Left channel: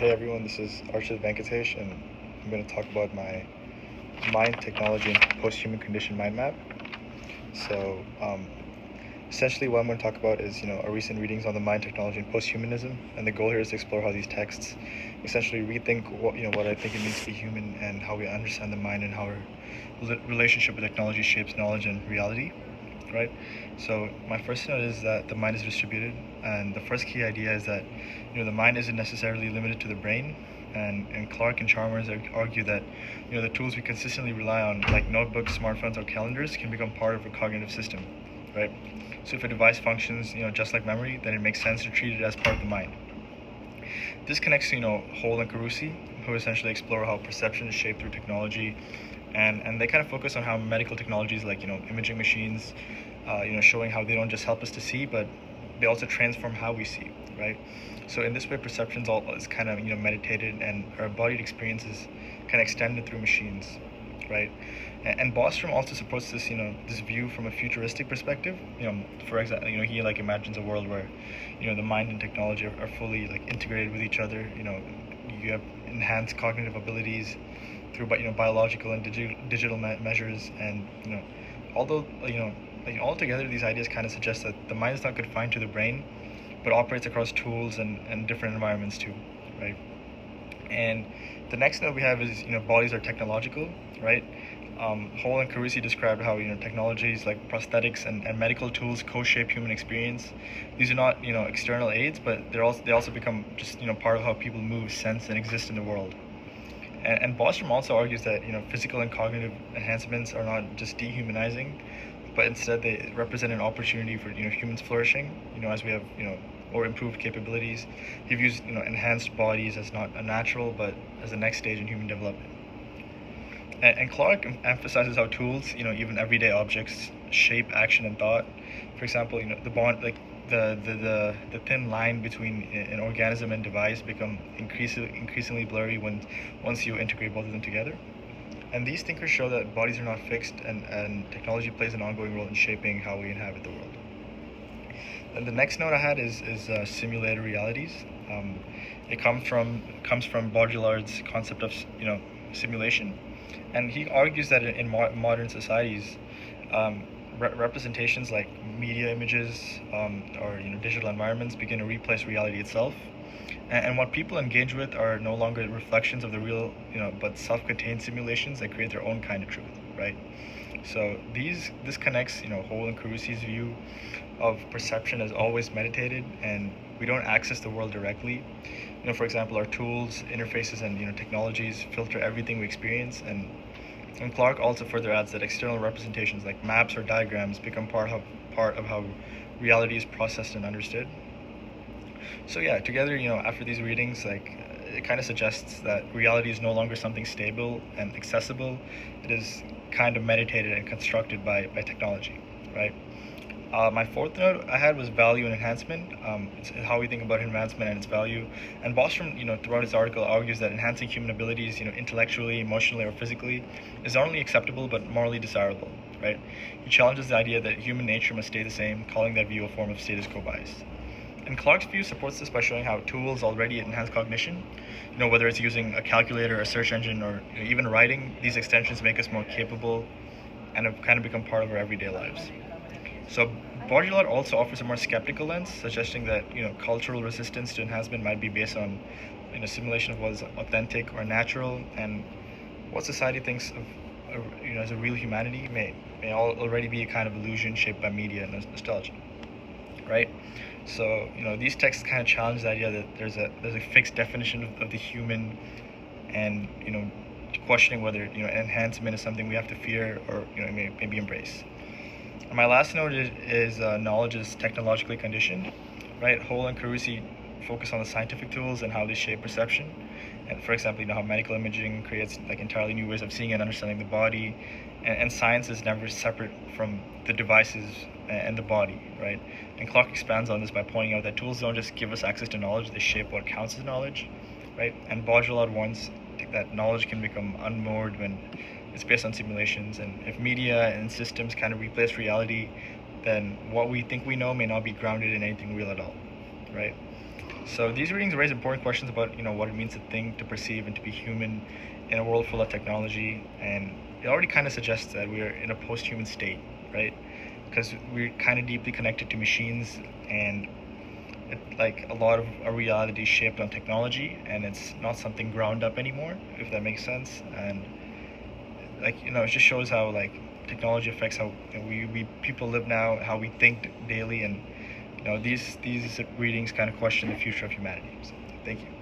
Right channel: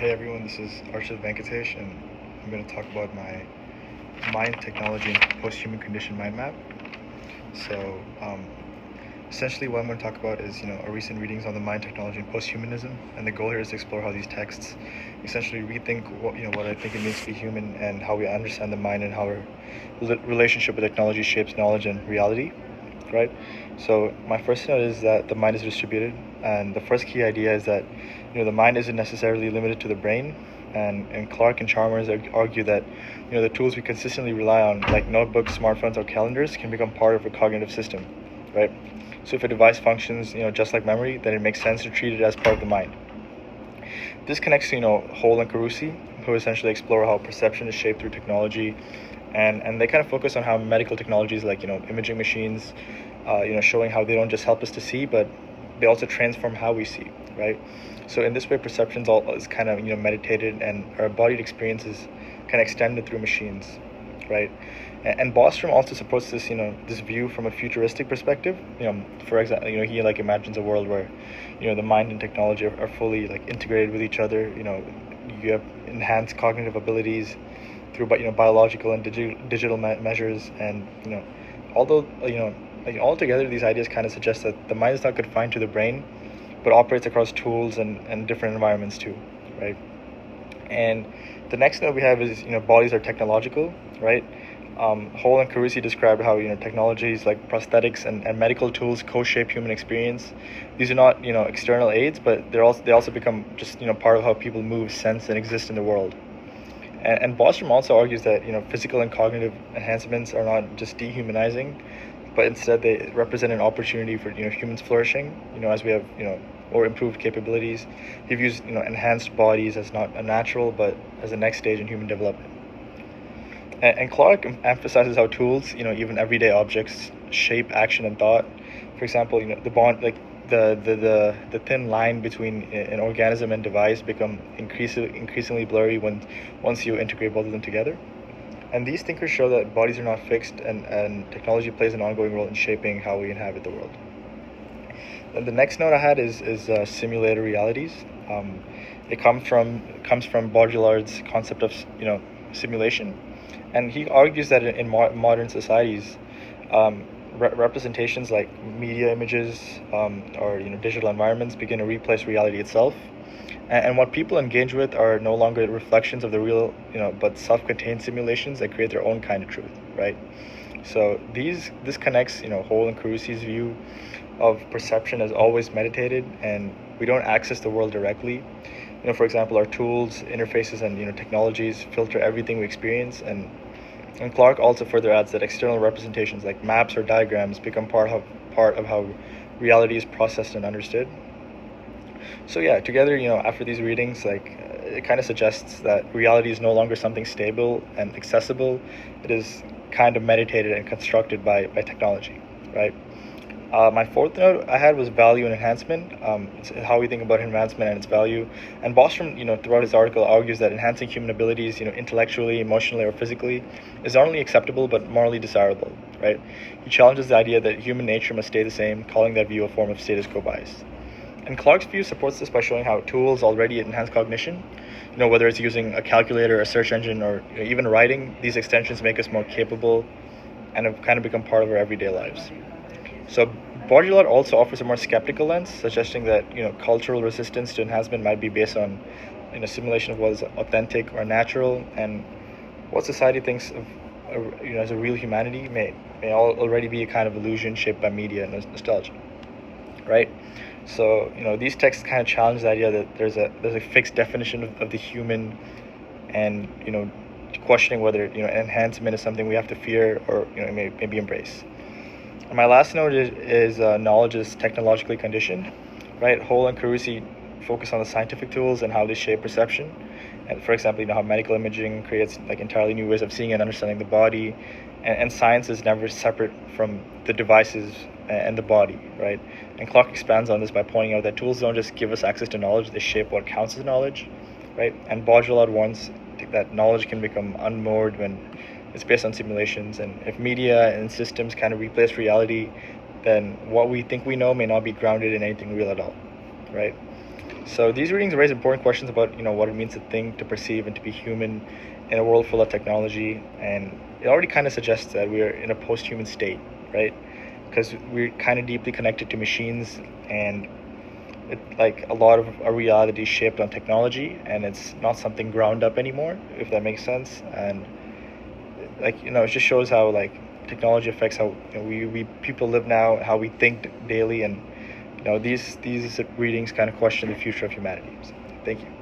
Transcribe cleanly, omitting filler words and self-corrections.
Hey everyone, this is Arshad Venkatesh, and I'm going to talk about my mind, technology, and post-human condition mind map. So, essentially, what I'm going to talk about is, our recent readings on the mind, technology, and post-humanism, and the goal here is to explore how these texts essentially rethink what I think it means to be human and how we understand the mind and how our relationship with technology shapes knowledge and reality. Right? So my first note is that the mind is distributed, and the first key idea is that the mind isn't necessarily limited to the brain. And Clark and Chalmers argue that the tools we consistently rely on, like notebooks, smartphones, or calendars, can become part of a cognitive system, right? So if a device functions just like memory, then it makes sense to treat it as part of the mind. This connects to Hole and Carusi, who essentially explore how perception is shaped through technology, and they kind of focus on how medical technologies like imaging machines, showing how they don't just help us to see, but they also transform how we see, right? So in this way, perception is kind of meditated, and our embodied experiences kind of extended through machines, right? And Bostrom also supports this this view from a futuristic perspective. For example, he imagines a world where the mind and technology are fully integrated with each other. You have enhanced cognitive abilities through biological and digital measures, and although altogether these ideas kind of suggest that the mind is not confined to the brain, but operates across tools and different environments too, right? And the next note we have is bodies are technological, right? Hole and Carusi described how technologies like prosthetics and medical tools co-shape human experience. These are not external aids, but they also become just part of how people move, sense, and exist in the world. And Bostrom also argues that physical and cognitive enhancements are not just dehumanizing, but instead they represent an opportunity for humans flourishing. As we have more improved capabilities. He views enhanced bodies as not a natural, but as the next stage in human development. And Clark emphasizes how tools, even everyday objects, shape action and thought. For example, the bond, like the thin line between an organism and device become increasingly blurry once you integrate both of them together. And these thinkers show that bodies are not fixed, and technology plays an ongoing role in shaping how we inhabit the world. And the next note I had is simulated realities. It comes from Baudrillard's concept of simulation, and he argues that in modern societies, representations like media images or digital environments begin to replace reality itself, and what people engage with are no longer reflections of the real, but self-contained simulations that create their own kind of truth, right? So this connects Hole and Carusi's view of perception as always meditated, and we don't access the world directly. For example, our tools, interfaces, and technologies filter everything we experience, and Clark also further adds that external representations like maps or diagrams become part of how reality is processed and understood. So yeah, together, after these readings, it kind of suggests that reality is no longer something stable and accessible. It is kind of meditated and constructed by technology, right? My fourth note I had was value and enhancement. It's how we think about advancement and its value. And Bostrom, throughout his article, argues that enhancing human abilities, intellectually, emotionally, or physically, is not only acceptable but morally desirable. Right? He challenges the idea that human nature must stay the same, calling that view a form of status quo bias. And Clark's view supports this by showing how tools already enhance cognition. Whether it's using a calculator, a search engine, or even writing, these extensions make us more capable and have kind of become part of our everyday lives. So Baudrillard also offers a more skeptical lens, suggesting that cultural resistance to enhancement might be based on simulation of what is authentic or natural, and what society thinks of as a real humanity may already be a kind of illusion shaped by media and nostalgia, right? So these texts kind of challenge the idea that there's a fixed definition of the human, and questioning whether enhancement is something we have to fear or maybe embrace. And my last note is knowledge is technologically conditioned, right? Hole and Carusi focus on the scientific tools and how they shape perception. And for example, how medical imaging creates entirely new ways of seeing and understanding the body, and science is never separate from the devices and the body, right? And Clark expands on this by pointing out that tools don't just give us access to knowledge; they shape what counts as knowledge, right? And Baudrillard warns that knowledge can become unmoored when it's based on simulations, and if media and systems kind of replace reality, then what we think we know may not be grounded in anything real at all, right? So these readings raise important questions about what it means to think, to perceive, and to be human in a world full of technology. And it already kind of suggests that we're in a post-human state, right? Because we're kind of deeply connected to machines, and like a lot of our reality is shaped on technology, and it's not something ground up anymore, if that makes sense. And it just shows how like technology affects how we people live now, how we think daily, and these readings kind of question the future of humanity. So, thank you.